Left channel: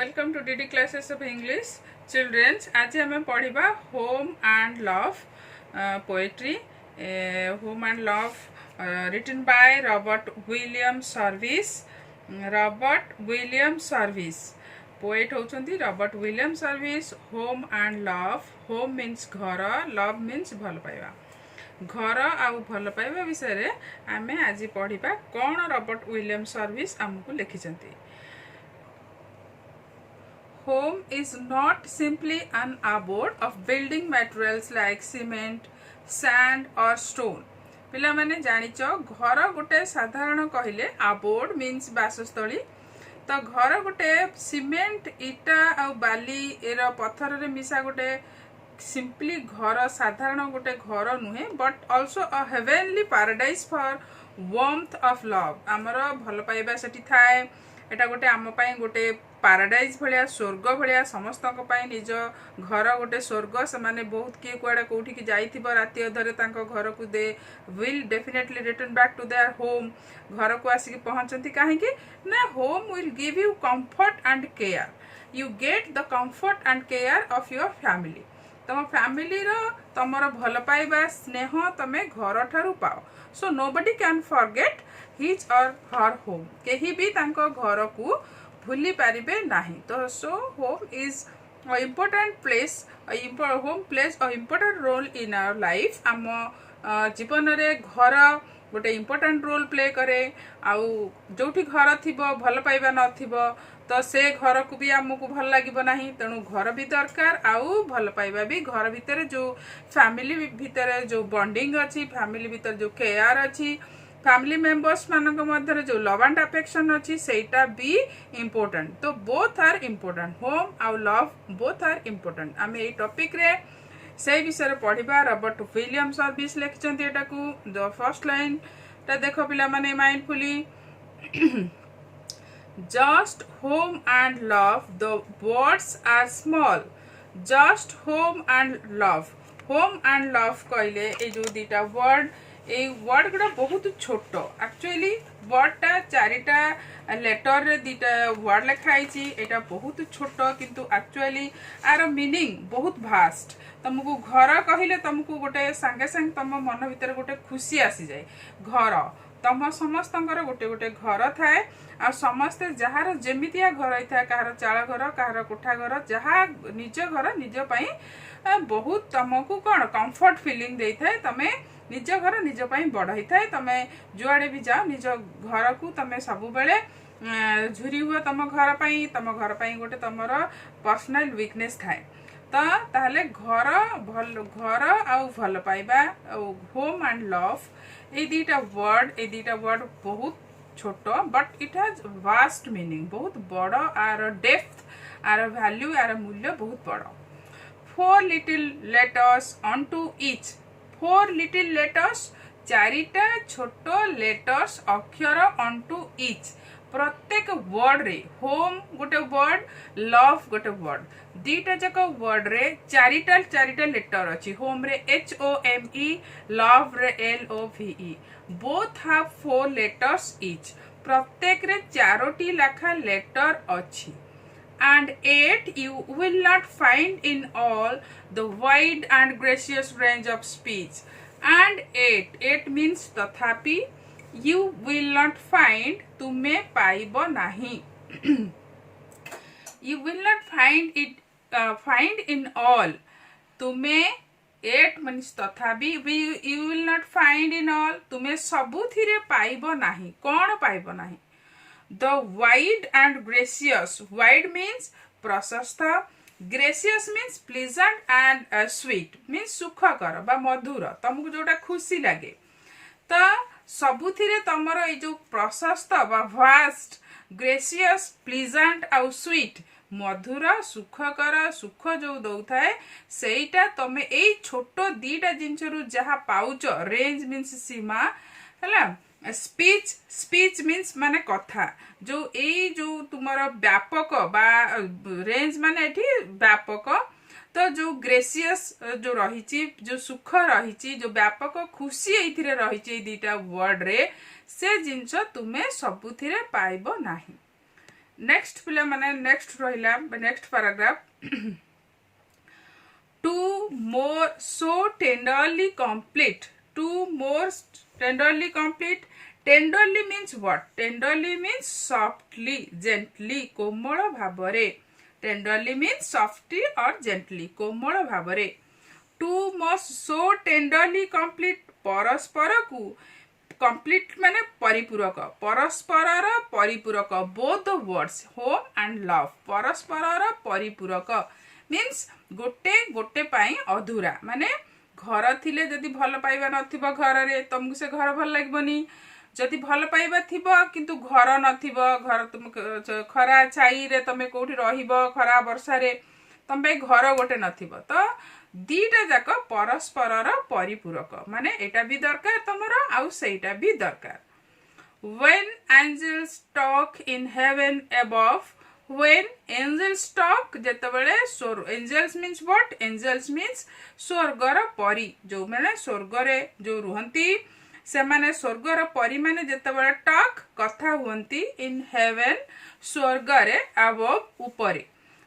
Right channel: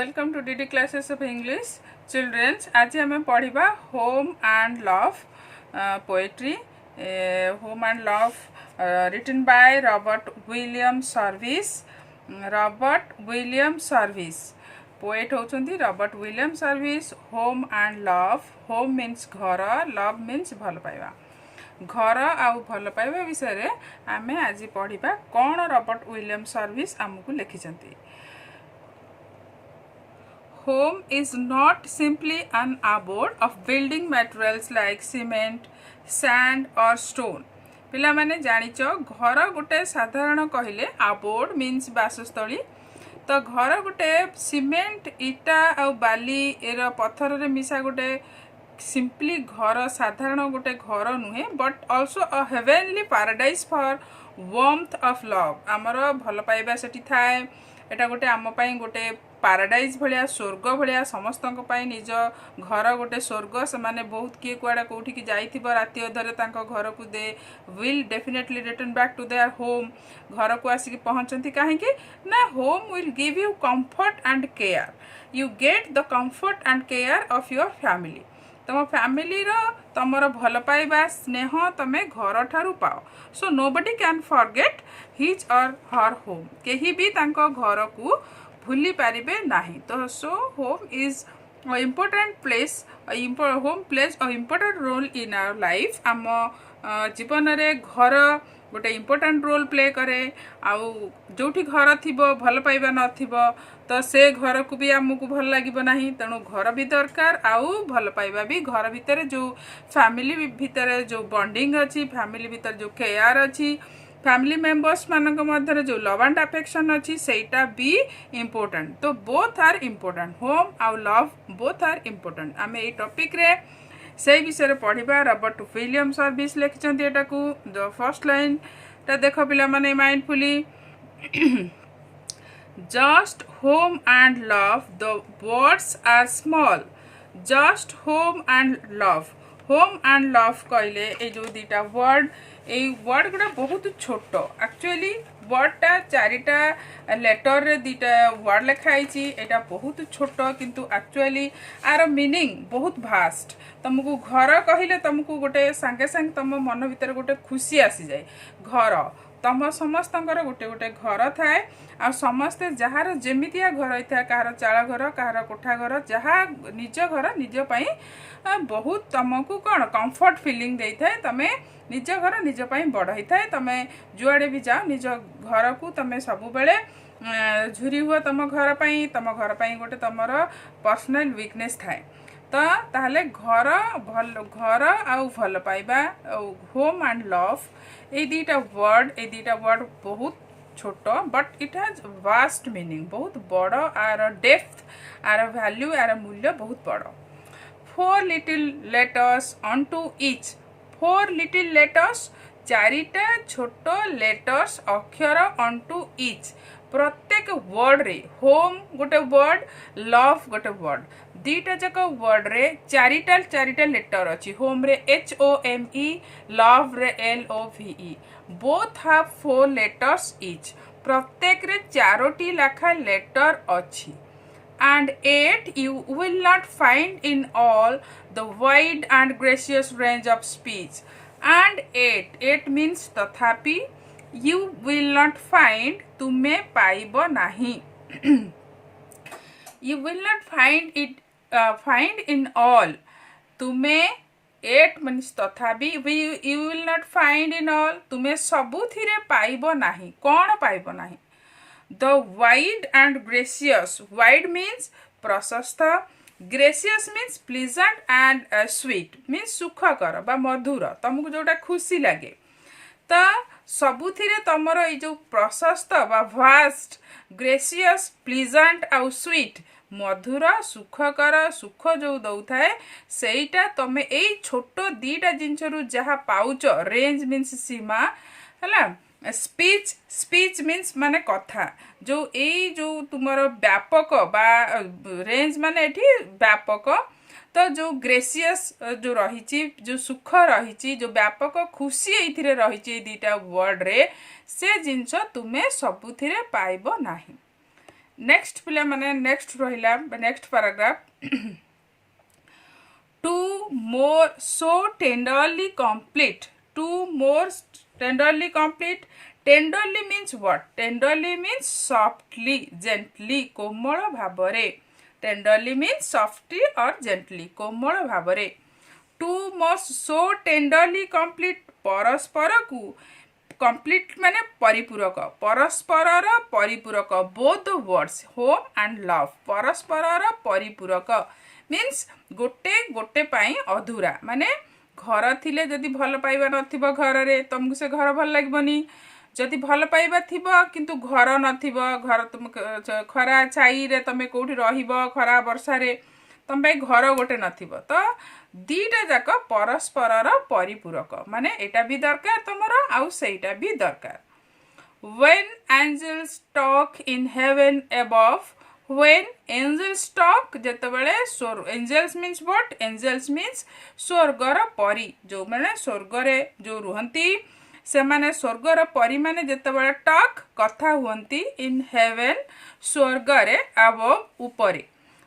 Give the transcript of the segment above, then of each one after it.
Welcome to DD classes of English. Children, आज हमें पढ़िबा Home and Love poetry. Home and Love written by Robert William Service. Robert William Service. Poet होचंदी Robert William Service. Home and Love. Home means घर, love means भल पाइबा. घर आउ भल पाइबा विषय रे आमे आज पढ़िबा कोन रॉबर्ट विलियम सर्विस आमको लिखिचंती. Home is not simply an abode of building materials like cement, sand or stone. पिला माने जानिचो घर गुटे साधारण कहिले abode means बासस्थली. तो घर गुटे सीमेंट इटा आ बाली एरा पत्थर रे मिसा गुटे simply घर साधारण गुटे घर नुहे but also a heavenly paradise for warmth of love. आमर भल पाइबा सेठी थाए. एटा गोटे आम पाई गोटे पाराडाइज भलिया स्वर्ग भलिया समस्तक पाई निज घर गोटे स्वर्ग से माने बहुत किए कुआडा कोठी की जाइथिबो राति अधरे तांको घर को they will definitely return back to their home. घर को आसी पहुंचंती काहे कि ना home will give you comfort and care. You get the comfort and care of your family. तम फैमिली रो तमर भल पाइबा स्नेह तमे घर ठारू पाओ. So nobody can forget his or her home. केही भी तांको घर को भूली पारिबे नाही. तो so home is a important place. Home plays a important role in our life. आम जीवन रे घर गोटे इम्पोर्टेंट रोल प्ले करे. आउ जोठी घर थिबो भल पाइबा नथिबो तो से घर को भी आमको भल लागिबो नाही. तेणु घर भी दरकार आउ भल पाइबा भी. घर भितर जो फैमिली भितर जो बॉन्डिंग अच्छी, फैमिली भितर जो केयर अच्छी, फैमिली मेंबर्स मानक मध्य जो लव एंड अफेक्शन अच्छी सेटा भी इम्पोर्टेंट. तो बोथ आर इम्पोर्टेंट. होम आउ लव बोथ आर इम्पोर्टेंट. आम ये टॉपिक रे से विषय पढ़िबा. रॉबर्ट विलियम सर्विस लिखिचंती एटा को. द फर्स्ट लाइन ता देखो पिला माने mindfully. Just home and love, the words are small. Just home and love. Home and love कहले ए जो दीटा वर्ड ए वर्ड गुड़ा बहुत छोट. एक्चुअली वर्डटा चारिटा लेटर रे दीटा वर्ड लिखाई छी. एटा बहुत छोट किंतु एक्चुअली आर मीनिंग बहुत भास्ट. तुमको घर कहले तुमको गोटे संगे संग तुम मन भीतर गोटे खुशी आसी जाए. घर तम समस्तंकर गोटे गोटे घर थाए. आ समस्ते जहार जेमितिया घर होता कहार चाल घर कहार कोठा घर जहाँ निज घर निज पाई बहुत तुमको कौन कंफर्ट फीलिंग दे थाए. तमें निज घर निज पाई बढ़ई थाए. तमें जुआड़े भी जाओ निज घर को तमें सब बेले झुरी हुआ तुम घर पाई. तुम घर पाई गोटे तुमर पर्सनल वीकनेस थाए. तो ताहले घर आउ भल पाइबा होम एंड लव ए दीटा वर्ड बहुत छोट but it has vast meaning. बहुत बड़ आर डेप्थ आर वैल्यू आर मूल्य बहुत बड़. 4 little letters onto each. 4 little letters चारिटा छोट लेटर्स अक्षर onto each. प्रत्येक वर्ड रे होम गोटे वर्ड लव गोटे वर्ड दीटा जाक वर्ड रे चारिटा लेटर अच्छी. होम रे HOME, लव रे LOVE. Both have 4 letters each. प्रत्येक रे चारोटी लाखा लेटर अच्छी. And 8 you will not find in all the wide and gracious range of speech. And 8 means तथापि. You will not find तुमे पाइबो नहीं. You will not find in all. तुमे 8 means तथापि. You will not find in all. तुमे सबुथिरे पाइबो नहीं. कौन पाइबो नहीं? The wide and gracious. Wide means प्रशस्त. Gracious means pleasant and sweet means सुखकर बा मधुर. तुमको जोटा खुशी लगे. तो सबुथिरे तमर ए जो प्रशस्त बा वास्ट ग्रेसियस प्लीजेंट आउ स्वीट मधुर सुखकर सुख जो दौथाए सेटा तमे ए छोट दीटा जिनस रु जहा पाउच. रेंज मीन्स सीमा हला. स्पीच मीन्स माने कथा. जो ए जो तुमर व्यापक बा रेंज माने एठी व्यापक. तो जो ग्रेसियस जो रही जो सुख रही जो व्यापक खुशी ये रही दीटा वर्ड रे से जिनस तुम्हें सबुथिरे पाइबो नाही. नेक्स्ट पिला माने नेक्स्ट रहिला next paragraph two more so tenderly complete two more tenderly complete tenderly means what tenderly means softly gently कोमल भाबरे टेंडरली मीन्स सॉफ्टली और जेंटली कोमल भाबरे two must so tenderly complete परस्पर को कंप्लीट माने परिपूरक परस्पर परिपूरक both the words home and love परस्पर परिपूरक मीन्स गोटे गोटे पाई अधूरा माने घर थिले जदि भल पाइबा नथिबो घर रे तुमको से घर भल लागबनी जदि भल पाइबा थिबो किंतु घर नथिबो घर तुम खरा छाई रे तमे कोठी रहिबो खरा वर्षा रे तम पे घर गोटे नथिबो तो दीटा जाक परस्पर परिपूरक माने एटा भी दरकार तमरा आउ सेटा भी दरकार when angels talk in heaven above when angels talk जेतबेले स्वर angels means what angels means स्वर्गर परी जो माने स्वर्ग रे जो रुहंती से माने स्वर्गर परी माने जेतबेले टॉक कथा हुंती इन हेवन स्वर्ग रे above ऊपरे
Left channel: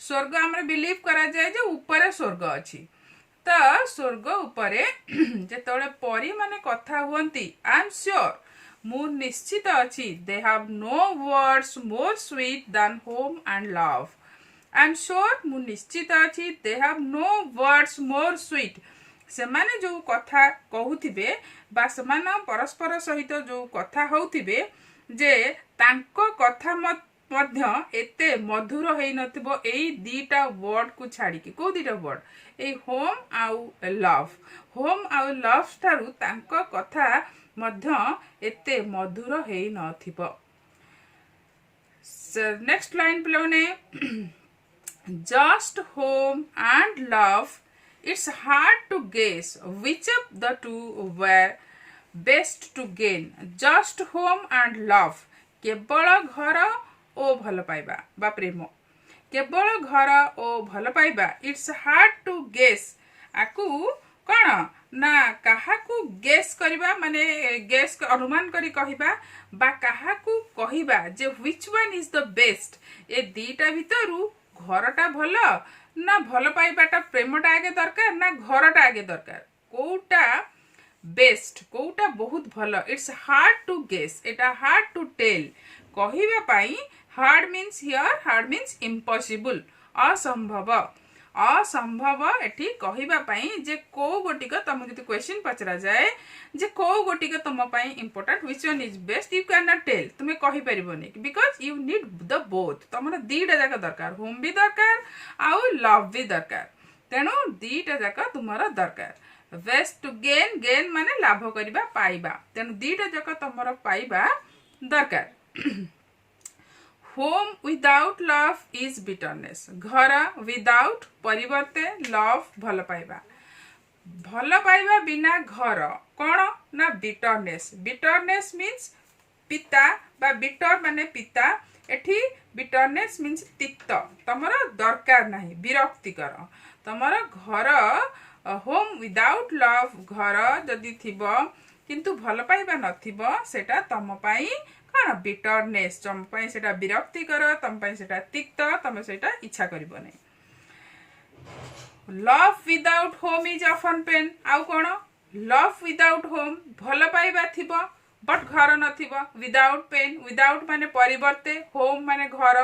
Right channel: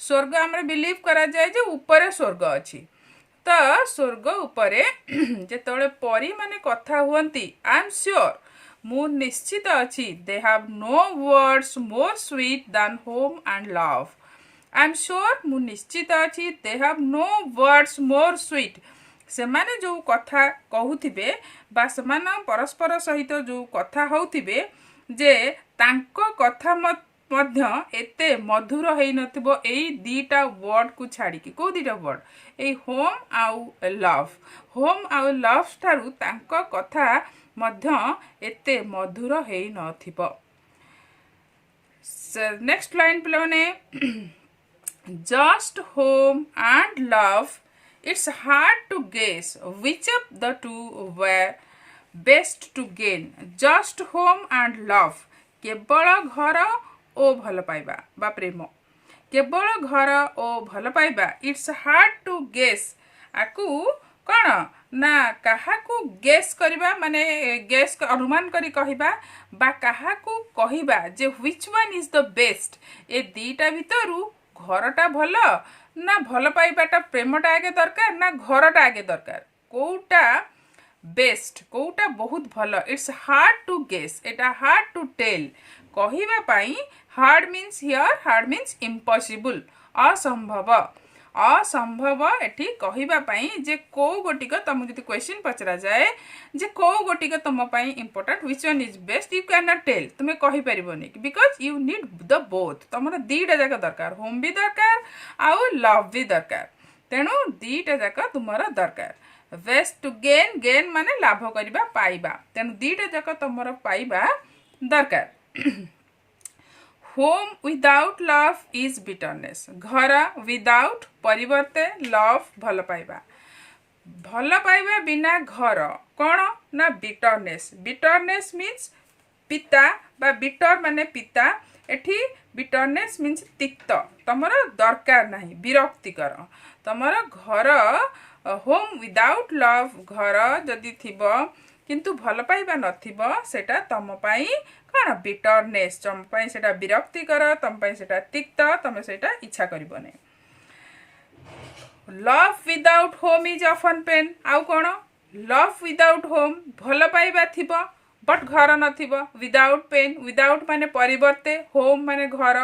स्वर्ग हमरे बिलीव करा जाय जे ऊपरे स्वर्ग अछि तो स्वर्ग उपरे जेतबेले परी माने कथा हुंती आई एम श्योर मु निश्चित अछि they have no words more sweet than home and love I am sure मु निश्चित अछि they have no words more sweet से माने जो कथा कहउथिबे बा समान परस्पर सहित जो कथा होउथिबे जे तांको कथा मध्य एते मधुर हेई नथिबो एई दीटा वर्ड को छाडी के को दीटा वर्ड ए होम आउ लव ठारू तांको कथा मध्य एते मधुर हेई नथिबो नेक्स्ट लाइन प्लेने just home and love it's hard to guess which of the two were best to gain just home and love केवल घर ओ भल पाइबा बा प्रेम केवल घर ओ भल पाइबा इट्स हार्ड टू गेस आकु कौन ना काहाकू गेस करिबा माने गेस अनुमान करी कहिबा बा काहाकू कहिबा जे which one is the best ए दीटा भितरु घरटा भल ना भल पाइबाटा प्रेमटा आगे दरकार ना घरटा आगे दरकार कोटा बेस्ट कोटा बहुत भल इट्स हार्ड टू गेस एटा हार्ड टू टेल कहिबा पाई hard means here hard means impossible असंभव असंभव एठी कहिबा पाई जे को गोटिक तुम जति क्वेश्चन पचरा जाए जे को गोटिक तुम पाई important which one is best you can not tell तुमे कहि परिबोनी because you need the both तुमरा दीटा जाका दरकार होम भी दरकार आउ लव भी दरकार तेनु दीटा जाका तुमरा दरकार बेस्ट टू गेन गेन माने लाभ करिबा पाइबा तेनु दीटा जाका तुमरा पाइबा दरकार home without love is bitterness घर विदाउट परिवर्ते लव भल पाइबा बिना घर कौन ना बिटरनेस बिटरनेस मीन्स पिता बा बिटर माने पिता एठी बिटरनेस मीन्स तिक्त तमरा दरकार नाही विरक्तिकर तमरा घर होम विदाउट लव घर जदि थिबो किंतु भल पाइबा नथिबो सेटा तम पाई कौन बिटरनेस तम पाई सेटा विरक्तिकर तम पाई सेटा तिक्त तमे सेटा इच्छा करिबो नै love without home is often pain आउ कौन लव विदाउट होम भल पाइबा थिबो बट घर नथिबो विदाउट पेन विदाउट माने परिवर्ते होम माने घर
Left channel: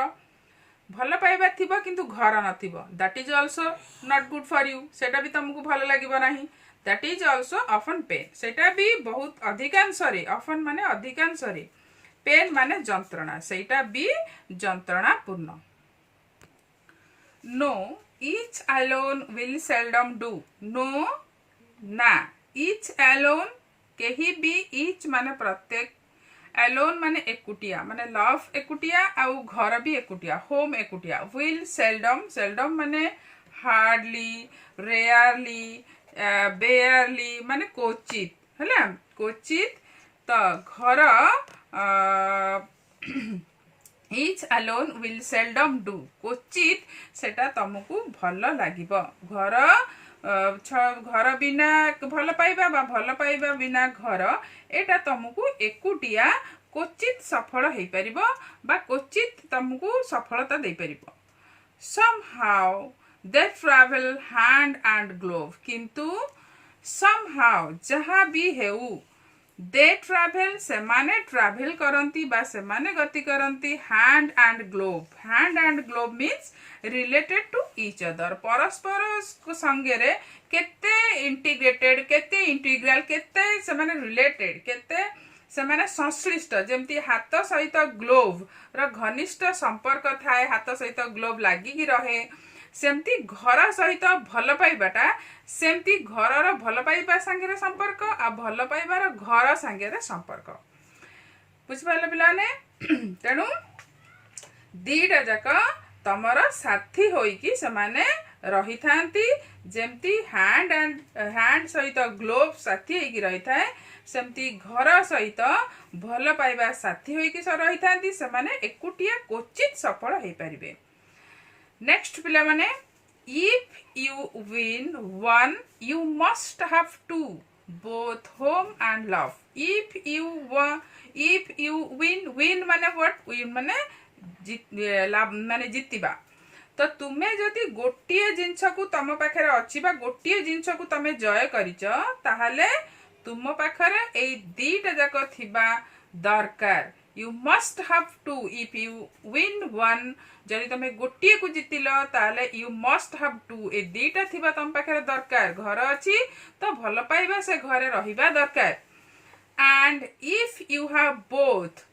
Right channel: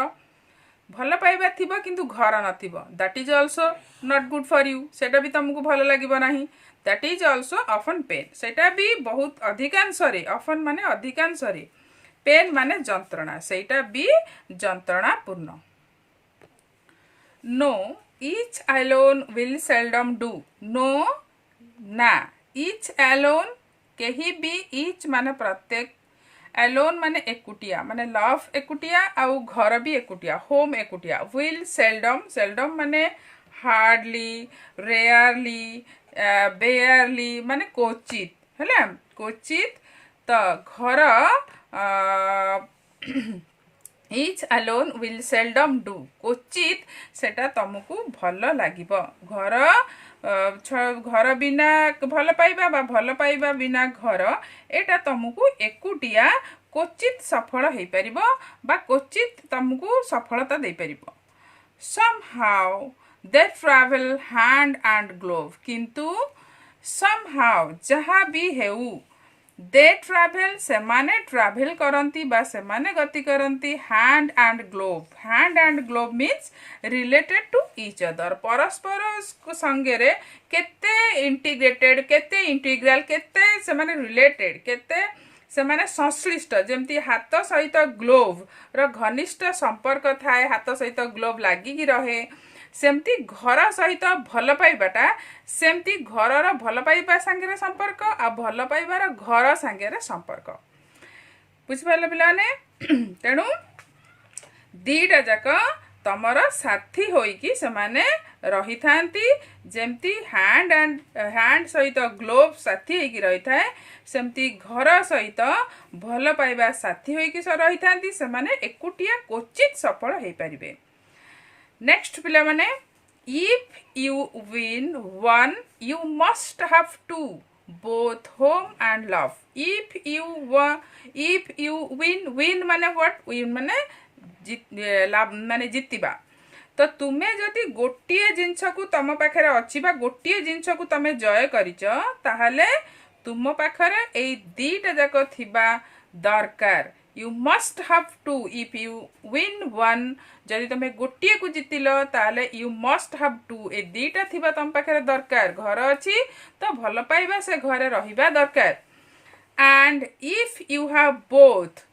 भल पाइबा थिबो किंतु घर नथिबो that is also not good for you सेटा भी तुमको भल लागिबो नाही that is also often pain सेटा भी बहुत अधिकांश रे ऑफन माने अधिकांश रे पेन माने जंत्रणा सेटा भी जंत्रणा पूर्ण no each alone will seldom do no ना each alone केही भी each माने प्रत्येक alone माने एकुटिया माने love एकुटिया आउ घर भी एकुटिया home एकुटिया will seldom माने hardly rarely barely माने क्वचित हैला क्वचित तो घर each alone will seldom do क्वचित सेटा तुमको भल लागिबो घर बिना भल पाइबा बा भल पाइबा बिना घर एटा तुमको एकुटिया क्वचित सफल हो पार क्वचित तुमको सफलता दे पार somehow they travel hand and glove किंतु somehow जहाँ भी हेउ they travel सेमाने travel करंती बा सेमाने गति करंती hand and glove means related to each other परस्पर संगेरे केते integrated केते integral केते सेमाने related केते सेमाने संश्लिष्ट जमती हाथ सहित ग्लोव रो घनिष्ठ संपर्क थाए हाथ सहित ग्लोव लागिकी रहे सेमती घर सहित भल पाइबाटा सेमती घर भल पाइबा संगे संपर्क आ भल पाइबार घर संगे संपर्क बुझिपारे पिलाने तेणु दीटा जाक तमर साथी होइकी सेमाने रही थांती जेमती हैंड सहित ग्लोव साथी होइकी रही थाए सेमती घर सहित भल पाइबा साथी होइकी रही थांती सेमाने एकुटिया क्वचित सफल हो पारिबे नेक्स्ट पिला माने if you win one you must have to both home and love if you win माने व्हाट विन माने माने जितिबा तो तुमे जदि गोटिए जिनस को तुम पाखे अच्छी गोटिए जिनस को तुम जय करिच ताहले तुम पाखे ए दीटा जाक थिबा दरकार you must have to if you win one जदि तुम गोटिए को जितिल ताहले यू मस्ट हैव टू ए दीटा थिबा तुम पाखे दरकार घर अच्छी तो भल पाइबा से घरे रहिबा दरकार and if you have both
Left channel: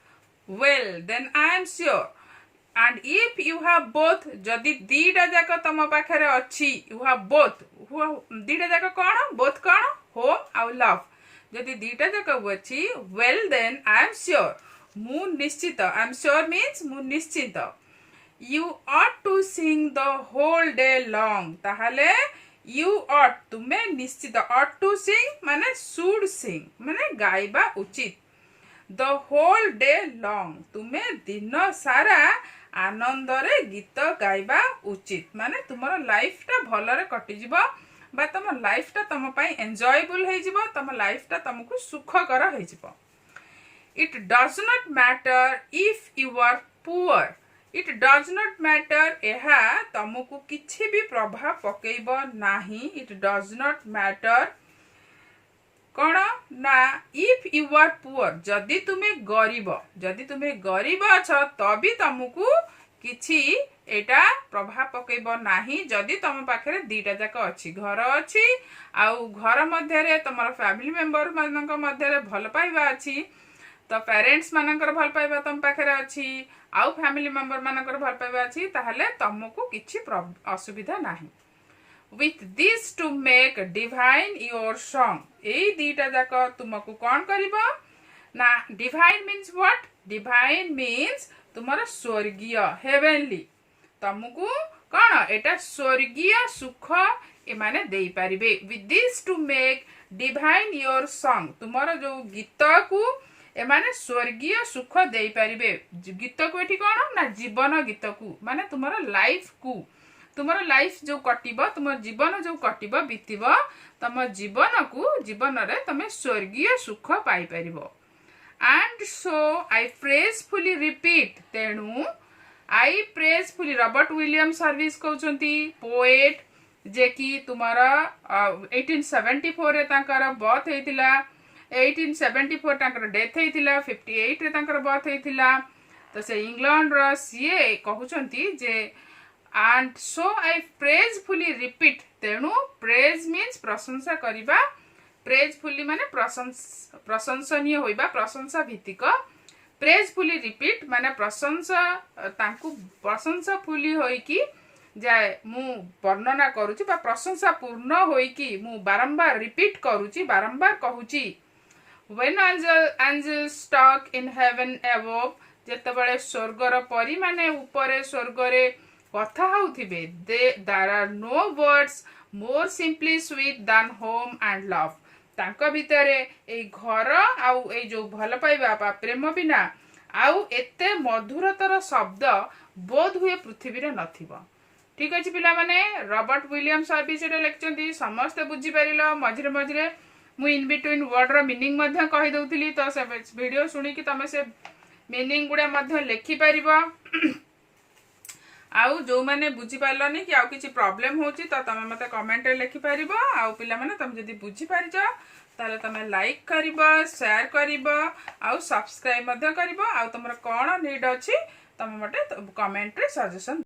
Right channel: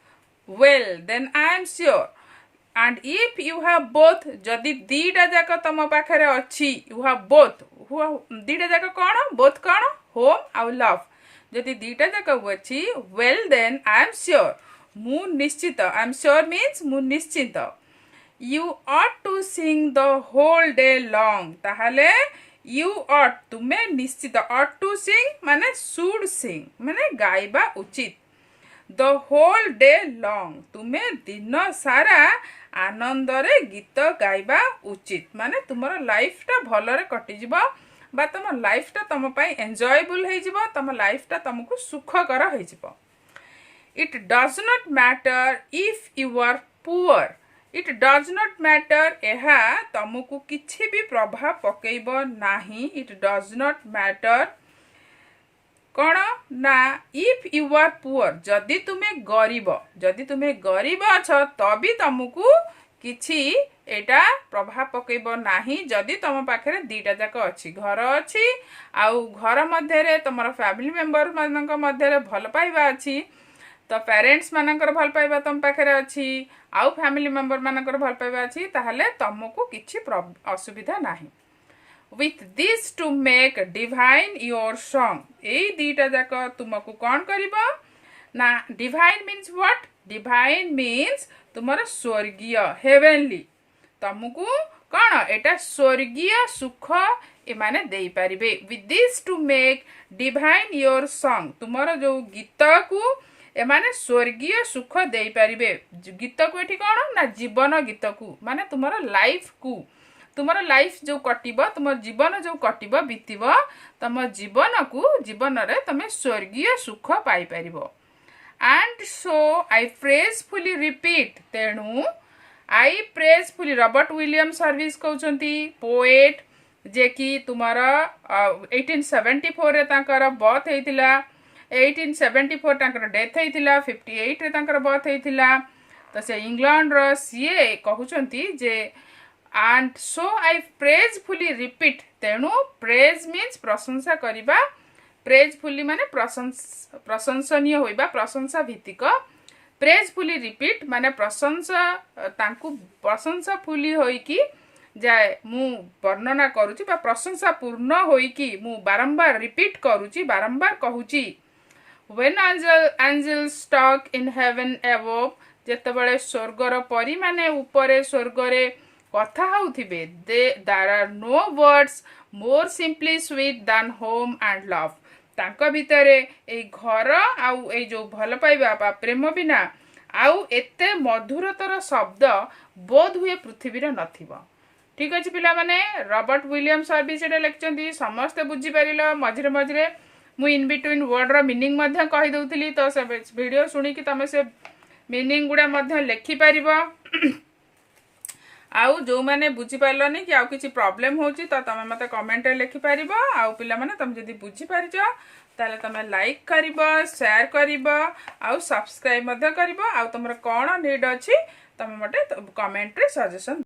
well then I am sure and if you have both जदि दीटा जाक तुम पाखे अच्छी you have both दीटा जाक कौन both कौन home और love जदि दीटा जाक अच्छी well then I am sure मु निश्चित I am sure means मु निश्चित you ought to sing the whole day long ताहले you ought तुम्हें निश्चित ought to sing माने should sing माने गाइबा उचित the whole day long तुम्हें दिन सारा आनंद रे गीत गाइबा उचित माने तुमर लाइफ टा भलरे कटि जिवो बा तुम लाइफ टा तुम पई एन्जॉयबल हे जिवो तुम लाइफ टा तुमको सुखकर हे जिवो it does not matter if you are poor it does not matter एहा तुमको किछि भी प्रभाव पकेइबो नाही इट डज नॉट मैटर कौन ना इफ यू आर पुअर जदि तुम्हें गरीब अछ तभी तुमको किछि एटा प्रभाव पकेब नाही जदि तुम पाखे दीटा जाक अच्छी घर अच्छी आउ घर मध्य तुम फैमिली मेंबर मानक मध्य भल पाइबा अच्छी तो पेरेंट्स मानकर भल पाइबा तुम पाखे अच्छी आउ फैमिली मेंबर मानकर भल पाइबा अच्छी ताहले तुमको किछि असुविधा नाही with this to make divine your song ए दीटा जाक तुमको कौन करिबो ना divine means what divine means तुमर स्वर्गीय heavenly तुमको कौन एटा स्वर्गीय सुख ए माने देई परिबे with this to make divine your song तुमर जो गीत को ए माने स्वर्गीय सुख देई परिबे गीत को एठी कौन ना जीवन गीत को माने तुमर लाइफ को तुमर लाइफ जो कटिबो तुम जीवन जो कटिबो बीतिबो तुम जीवन को जीवन रे तुम स्वर्गीय सुख पाई परिबो एंड सो आई प्रेजफुली रिपीट तेणु आई प्रेजफुली रॉबर्ट विलियम सर्विस कहउचंती पोएट जे कि तुमर 1874 रे तांकर बर्थ हेतिला 1874 तांकर डेथ हेतिला 58 रे तांकर बर्थ हेतिला तो से इंग्लैंड रो सीए कहउचंती जे and so I praisefully repeat तेणु praise means प्रशंसा करिबा praisefully माने प्रशंसनीय होइबा प्रशंसा भित्तिक praisefully repeat माने प्रशंसा तांकु प्रशंसा फुली होई कि जाय मु वर्णना करूची बा प्रशंसा पूर्ण होई कि मु बारंबार रिपीट करूची बारंबार कहूची when angels talk in heaven above जेतेबेले स्वर्गर परी माने ऊपरे स्वर्गरे कथा होउथिबे there are no words more simply sweet than home and love तांक भितरे ए घर आउ ए जो भल पाइबा बा प्रेम बिना आउ एते मधुरतर शब्द बोध हुए पृथ्वी रे नथिबो ठीक अछि पिला माने रॉबर्ट विलियम सर्विस एटा लेखचंदी समस्त बुझी परिलो मझिरे मझिरे मु इन बिटवीन वर्ड रो मीनिंग मध्य कहि दउतली तो से वीडियो सुनी कि तमे से मीनिंग गुडा मध्य लिखि परिबो आउ जो माने बुझी पारलनी कि आउ किछि प्रॉब्लम होची तो तमे मते कमेंट रे लिखि परिबो आउ पिला माने तमे जदी बुझी पारिजो ताले तमे लाइक करिबो शेयर करिबो आउ सब्सक्राइब मध्य करिबो आउ तमरो कोन नीड अछि तमे मते कमेंट रे सजेशन